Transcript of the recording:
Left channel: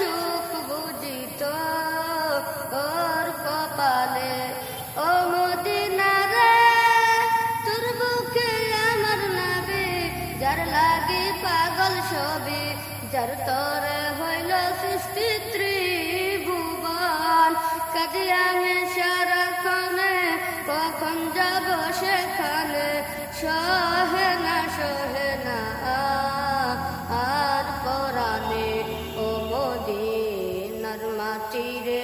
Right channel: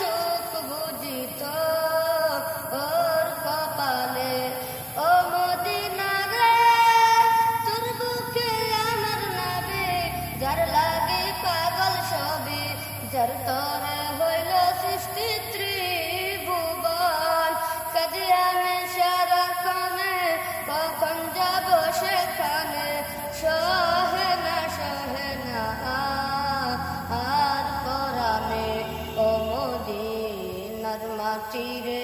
সুখ বুঝিত ওর কপালে। ও মদিনা রে তোর বুকে আমার নাবি, যার লাগে পাগল সবই, যার তরে হইল সৃষ্টি ত্রিভুবন। কাজে আমি সারাক্ষণে কখন যাব সেখানে, সহে না আর পরাণে। ও মদিনার মাটি রে